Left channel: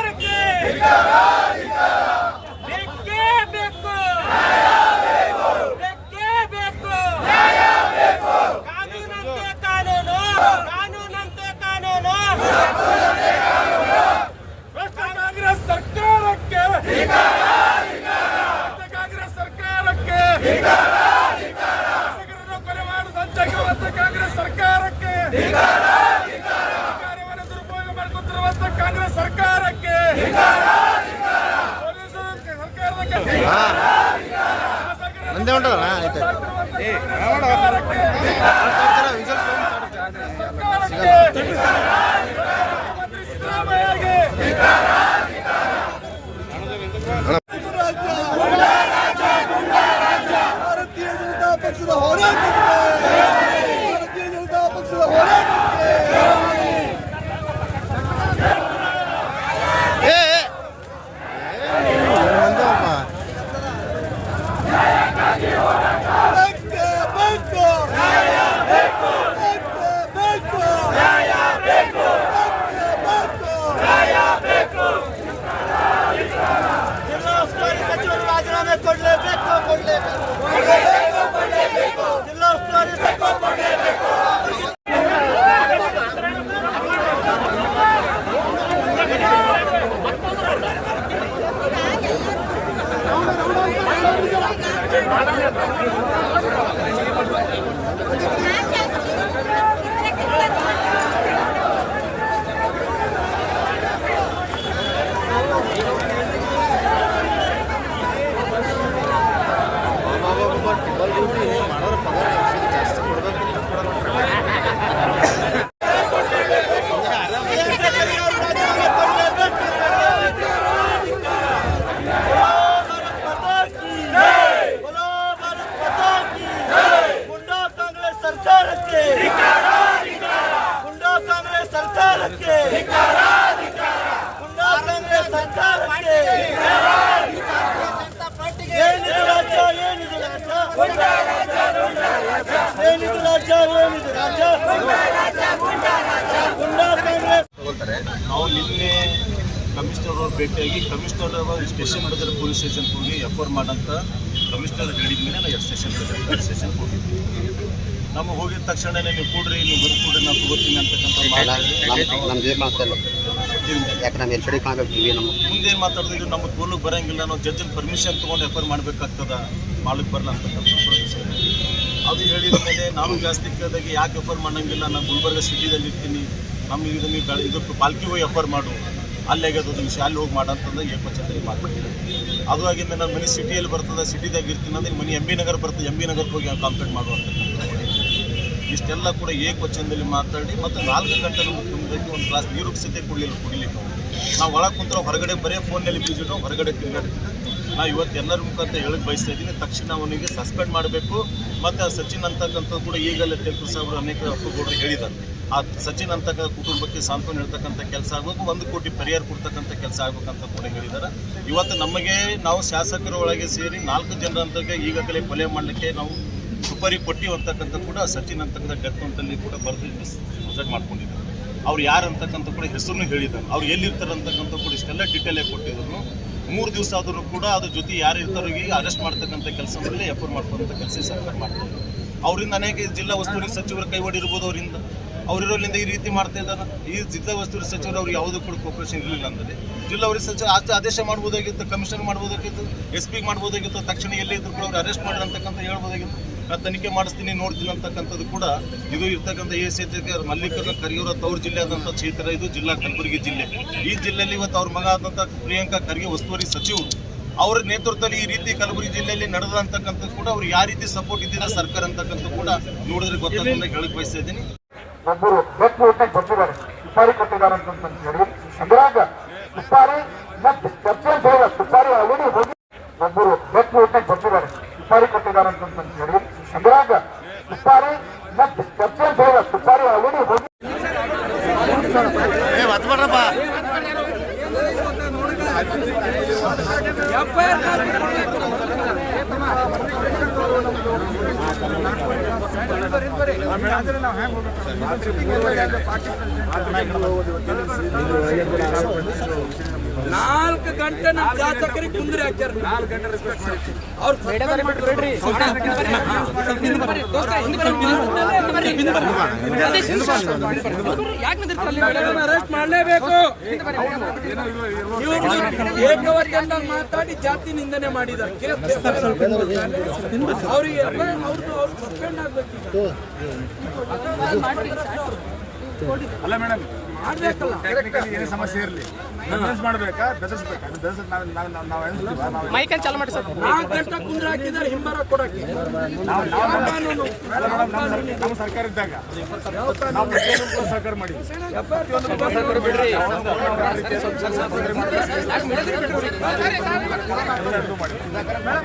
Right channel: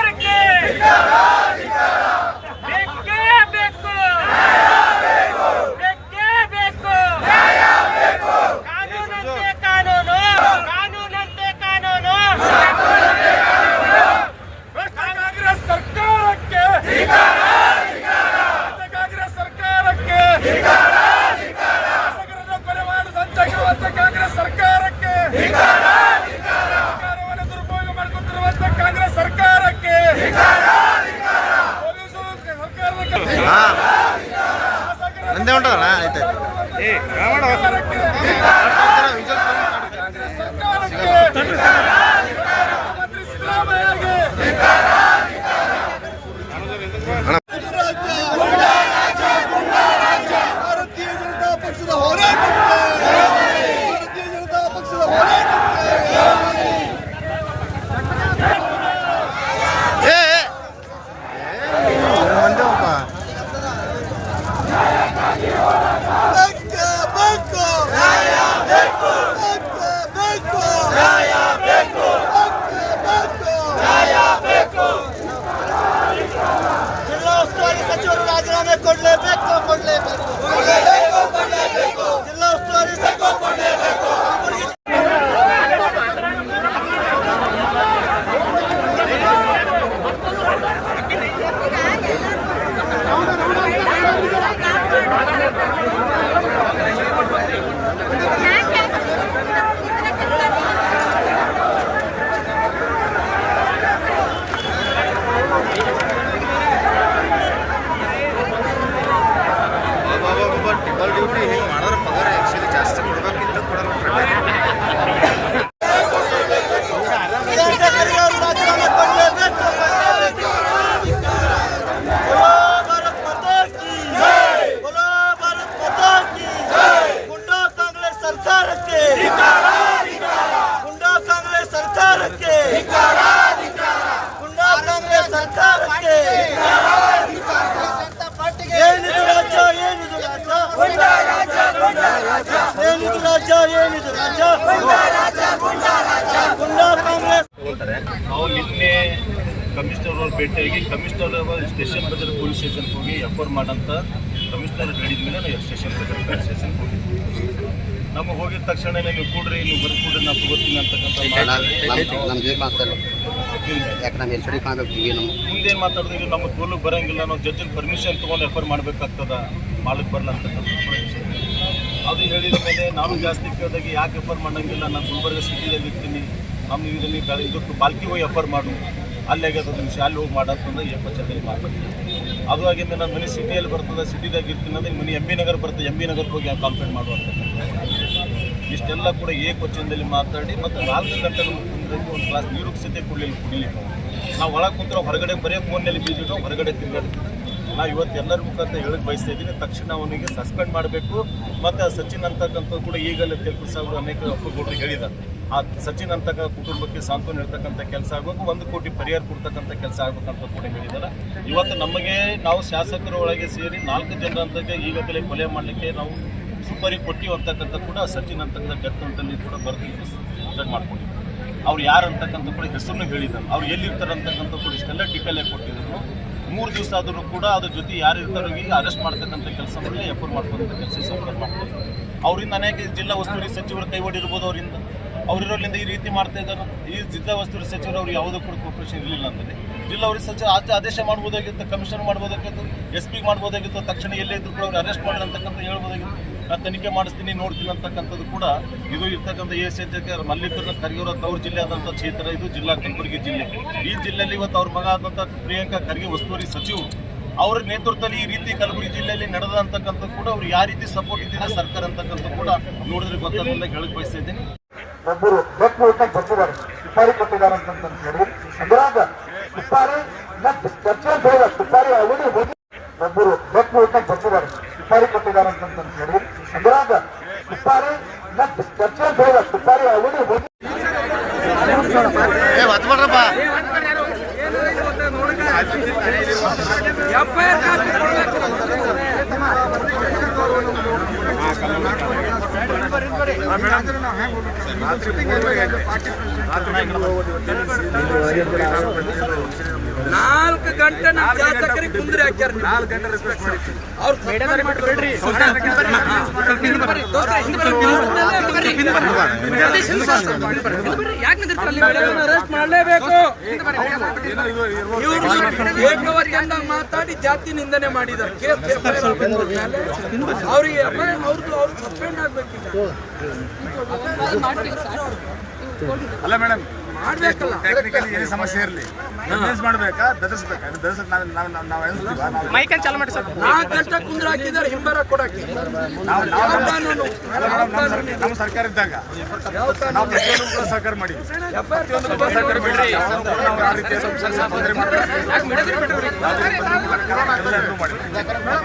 ಬೇಕೇ ಸರ್ಕಾರಕ್ಕೆ ನಂದೇ ಉಂಟದಣ್ಣ ಆಯ್ತು ಸರ್ಕಾರಕ್ಕೆ ಏನಿದು ರಾಜ್ಯ ಏನಿದು ರಾಜ್ಯ? ಗುಂಡಾ ಕಾಂಗ್ರೆಸ್. ನಾವು ನಿನ್ನೆ ಕಮಿಷನರ್ ಅವ್ರ ಭೇಟಿಯಾಗಿ ಕಮಿಷನರ್ ಅವರು ಸ್ಟೇಷನ್ ಬಜಾರ್ ಪೊಲೀಸ್ ಸ್ಟೇಷನ್ಗೆ ಹೋಗಿ ಎಫ್ ಆರ್ ಮಾಡಂತ ಕಮಿಷನರ್ ಹೇಳಿದ ಮೇಲೆ ನಾವು ಸ್ಟೇಷನ್ ಬಜಾರ್ ಪೊಲೀಸ್ ಸ್ಟೇಷನ್ಗೆ ಹೋಗಿದ್ವಿ. ನಮಗೆ ಹೋಗಿದ ತಕ್ಷಣ ನೀವು ಕೂಡ್ರಿ ನೀವು ಬರ್ಕೂಡ್ರಿ ನಾನು ತಗೋತೀನಿ ಅಂತಕ್ಕಂಥ ಮುಂದೇನು ಮಾತಾಡಿದ್ರೆ ಇದು ನಮ್ಮ ಕೂಲಿಗೆ ಬರೋಂಗಿಲ್ಲ ನಾವು ಜಡ್ಜಿನ ಪರ್ಮಿಷನ್ ತೊಗೊಂಡು ಎಫ್ ಮಾಡ್ಬೇಕಾಗ್ತದ ಮಾಡಬೇಕಾಗ್ತದ? ಮಾಡಕ್ಕೆ ಬರಲ್ಲ ಅಂತಕ್ಕಂಥ. ಅದು ಹೇಳಿದ ಮೇಲೆ ನಾನು ಜಾಸ್ತಿ ಕೇಳಿದಾಗ ಯಾಕೆ ಎಫರ್ ಮಾಡಂಗಿಲ್ಲ? ನಾನು ಗುಲ್ಬರ್ಗ ಸಿಟಿದಲ್ಲಿ ಇರ್ತೀನಿ. ನಮ್ಮ ಇದನ್ನು ಇದಕ್ಕೆ ಬಾಲ್ಕಿ ಹೋಗಿ ಎಫರ್ ಮಾಡು. ಅಲ್ಲಿ ಆಗ್ಯದ ವಿಷಯ. ಅಲ್ಲಿ ಹೋಗಿ ಮಾಡಂತಂದ್ರೆ ಏಕವಚನದಲ್ಲಿ ಮಾತಾಡಿದ್ದೆ ಅದು ಆಗಿಂದ ನಾನು ಮನೆ ಸಿಟಿಯಲ್ಲಿ ಬರ್ತದೆ, ಸಿಟಿದಾಗ ಇರ್ತೀನಿ ಅಂದ್ರೆ ಮನೆ ಎಂ ಬಿ ನಗರ ಬರ್ತದೆ, ಎಂ ಬಿ ನಗರಕ್ಕೆ ಹೋಗಿ ಕಂಪ್ಲೇಂಟ್ ಮಾಡುವಂಥದ್ದು ಇಷ್ಟೆಲ್ಲ ಕೂಡ ಏಕವಚನದಲ್ಲಿ ಮಾತಾಡಿ ಮತ್ತು ನಾಲ್ಕು ಗಂಟೆ ಕುಂದಕ್ಕೆ ಒಂದು ಗ್ಲಾಸ್ ನೀರು ಸಹಿತ ಕೊಡಲಿಲ್ಲ ಕುಡಿಲಿಕ್ಕೆ ನಾವು ಒಳಗೆ ಕುಂತ್ರೆ ಹೊರಗಡೆ ಬರೀ ಫೋನಲ್ಲಿ ಬೀಜಿ ಇಟ್ಟು ಹೊರಗಡೆ ತಿರುಗಾಡ್ತಿದ್ದೆ. ನಾವು ಇವತ್ತು ಎಲ್ಲರ ಮುಖಾಂತರ ಹೇಳಕ್ಕೆ ಬಯಸ್ತಾ ಇದ್ದೀನಿ. ತಕ್ಷಣ ಅವನಿಗೆ ಸಸ್ಪೆಂಡ್ ಮಾಡಬೇಕು. ಮತ್ತು ಸಚಿನ್ ಅಂತಕ್ಕಂಥದ್ದು ಕೂಡ ಈಗಲೇ ತೆಲುಗು ಸಾಹೇಬರು ಅನೇಕ ಒಪ್ಪುಗೌಡರು ಹೇಳಿದ್ದಾರೆ. ಆ ಸಚಿನ್ ಅಂತಕ್ಕ ಕುಟುಂಬಕ್ಕೆ ಸಾಂತ್ವನ ಹೇಳ್ತಕ್ಕಂಥ ಕೆಲಸ ಆಗಬೇಕು. ಒಂದು ಕೋಟಿ ಪರಿಹಾರ ಕೊಡ್ತಕ್ಕಂಥ ಕೆಲಸ ಆಗ್ಬೇಕಂತ ಕೂಡ ಹೇಳಿದ್ದಾರೆ. ಇವತ್ತು ನಮಗೆ ನಾವು ಶಾಸಕರ ಒಳಗೆ ಸೇರಿ ನಾಲ್ಕು ಜನರಂತಕ್ಕೆ ಈಗಾಗಲೇ ಕೊಲೆ ಮಾಡಲಿಕ್ಕೆ ನಾವು ಸುಪರಿ ಕೊಟ್ಟಿವಿ ಅಂತಕ್ಕಂಥ ಕೂಡ ಸಚಿನ್ ಅಂತಕ್ಕಂಥ ಡೆತ್ ನೋಟಲ್ಲಿ ಕೂಡ ಬರೆದು ಸೆಟ್ ಮಾಡ್ಕೊಂಡಿದ್ದಾರೆ. ಅವ್ರು ಯಾರು ಅಂತಕ್ಕಂಥ ಕೂಡ ಹೆಸರನ್ನು ಹೇಳಿದ್ದಾರೆ. ಅವ್ರು ಎಲ್ಲಿರ್ತಾರೆ ಅಂತಕ್ಕಂಥ ಕೂಡ ಇಷ್ಟೆಲ್ಲ ಡಿಟೇಲೇ ಕೊಟ್ಟಿದ್ರು ಮೂರು ದಿವಸ ಆದರೂ ಕೂಡ ಅದ್ರ ಜೊತೆ ಯಾರು ಇರ್ತಾರೋ ಈಗ ಅರೆಸ್ಟ್ ಮಾಡ್ತಕ್ಕಂಥ ಕೆಲಸ ಮೇಲೆ ಎಫ್ ಮಾಡ್ತಕ್ಕಂಥ ಕೆಲಸ ಸರ್ಕಾರ ಮಾಡ್ತಾರೆ. ಅವರಿಂದ ಅನೇಕ ಜಿಲ್ಲಾ ಉಸ್ತುವಾರಿ ಸಚಿವರ ಕೈವಾಡಿರ್ಬೋದು ಅವರಿಂದ. ಅವರಿರೋದ್ರಿಂದ ಈ ರೀತಿ ಮಾಡ್ತಾ ಇದ್ದಾರೆ ಈ ಜಿಲ್ಲಾ ಉಸ್ತುವಾರಿ ಸಚಿವರು ಅವ್ರು ಯಾವುದೂ ಕೂಡ ಕೋಪರೇಷನ್ ಇರಲಿಲ್ಲ ಅಂದರೆ ಜಿಲ್ಲಾ ಸಚಿವ ಆತ ಆದೇಶ ಮಾಡ್ಬೋದಾಗಿತ್ತು ಕಮಿಷನರ್ ಮಾಡ್ಬೋದಾಗಿತ್ತು ಎಸ್ ಪಿಗೆ ಮಾಡ್ಬೋದಾಗಿತ್ತು, ತಕ್ಷಣ ಎಲ್ಲೇ ಇದ್ರು ಕೂಡ ಅವ್ರು ಅರೆಸ್ಟ್ ಮಾಡಿ ಅಂತಕ್ಕಂಥ ಹೇಳ್ಬೋದಾಗಿತ್ತು. ನಾನು ತನಿಖೆ ಮಾಡಿಸ್ತೀನಿ, ನೋಡ್ತೀನಿ ಅಂತಕ್ಕಂಥದ್ದು ಕೂಡ ಇದು ಇರ್ತಕ್ಕಂಥ ಎ ಸಿ ಮಲ್ಲಿಕಾರ್ಜುನ ಖರ್ಗೆ ಅವರ ತವರು ಜಿಲ್ಲೆ ಆದಂಥ ಕ್ಷೇತ್ರ ಇದು, ಜಿಲ್ಲಾ ಕಲಬುರಗಿ ಜಿಲ್ಲೆ. ಈ ಜಿಲ್ಲೆಯಲ್ಲಿ ಇವತ್ತು ಅವ್ರ ಮಗ ಆದಂಥ ಪ್ರಿಯಾಂಕಾ ಖರ್ಗೆ ಉಸ್ತುವಾರಿ ಸಚಿವರು, ಅವರ ನೇತೃತ್ವದಲ್ಲಿ ಈ ರೀತಿ ಕಲಬುರಗಿ ಜಿಲ್ಲೆಯಲ್ಲಿ ನಡೆದ ಅಂತಕ್ಕಂಥದ್ದು ಕೂಡ ಅವ್ರು ಯಾವ ರೀತಿ ಸಪೋರ್ಟ್ ಇದ್ದಿದೆ ಸರ್ಕಾರ ಅಂತಕ್ಕಂಥ ಕೂಡ ನೋಡಿದ್ರೆ ಗೊತ್ತಾಗ ಹೇಳಕ್ ಬಯಸ್ತಾ ಇದ್ದೀನಿ. ಒಬ್ಬರು ಬೆಕ್ಕು ಊಟಕ್ಕೆ ಬರ್ತಿದ್ದಾರೆ. ಸುಪಾರಿ ಕೊಟ್ಟಿದ್ದಾರೆ ಅಂತ ಹೇಳಿದ್ರು. ಅದ್ರಾಗ ಸುಪಾರಿ ಮತ್ತು ಚರ್ಚೆ ಬೇಡ ಸುಪಾರಿ ಆಲ್ರೆಡಿ ಹೋಗಿ ಒಬ್ಬರು ಬೆಕ್ಕು ಊಟಕ್ಕೆ ಬರ್ತಿದ್ದಾರೆ. ಸುಪಾರಿ ಕೊಟ್ಟಿದ್ದಾರೆ ಅಂತ ಹೇಳಿದ್ರು. ಅದ್ರಾಗ ಸುಪಾರಿ ಮತ್ತು ಚರ್ಚೆ ಬೇಡ ಸುಪಾರಿ ಆಲ್ರೆಡಿ ಹೋಗಿ ಬಿಡ್ರಪ್ಪ. ನಾಲ್ಕು ಗಂಟೆ ನಮ್ಮ ಶಾಸಕರಿಗೆ ಕುಂದ್ರಿ ಹಾಕ್ಯಾರ ನಾಲ್ಕು ಗಂಟೆ ಅವ್ರು ಬಿಡ್ರಿ ಮಾಡಲೇಬೇಕು ಏಕವಚನದಾಗ ಮಾತಾಡಿ ಜಾತಿ ನಿಂದನೆ ಮಾಡಿದ್ದಾರೆ ಅವ್ರಿಗೆ ಅವ್ರದ್ದು ಅವ್ರು ಸಸ್ಪೆಂಡ್ ಆಗ್ಬೇಕೀಗ ಅಲ್ಲ ಮೇಡಮ್ ಮಾಡ್ಬೇಕಲ್ಲ ಟೆಕ್ನಿಕಲಿ ಏನೇ ಸಮಸ್ಯೆ ಇರಲಿ ಬಿಸ್ನೆಸ್ ಮಾಡಬೇಕಾ ಬೆದರಿಸ್ಬೇಕಾ ಬೆದರಿಸ್ ನಾವು ನಾವು ನಾವು ಎಣಿಸ್ತೀವ ನಾವು ನಾಲ್ಕು ಗಂಟೆ ಕುಂದ್ರ ಹಾಕಿದ್ದಾರೆ ಹಿಂಬರ ಕೊಡಕ್ಕೆ ನಾವು ನಾವು ನಮ್ಮ ಸರ್ಕಾರ- ಸರ್ಕಾರ ಇದ್ದಾಗ ನಾವು ಪ್ರತಿಯೊಂದು ಕೂಡ ಸಹಕಾರ ಮಾಡಿದ್ವಿ ಪ್ರತಿಯೊಂದು ಕೂಡ ಸಹಕಾರ ಮಾಡಿ ನಾವು ಯಾವ ರೀತಿ. ಮಾಡಿದ್ವಿ.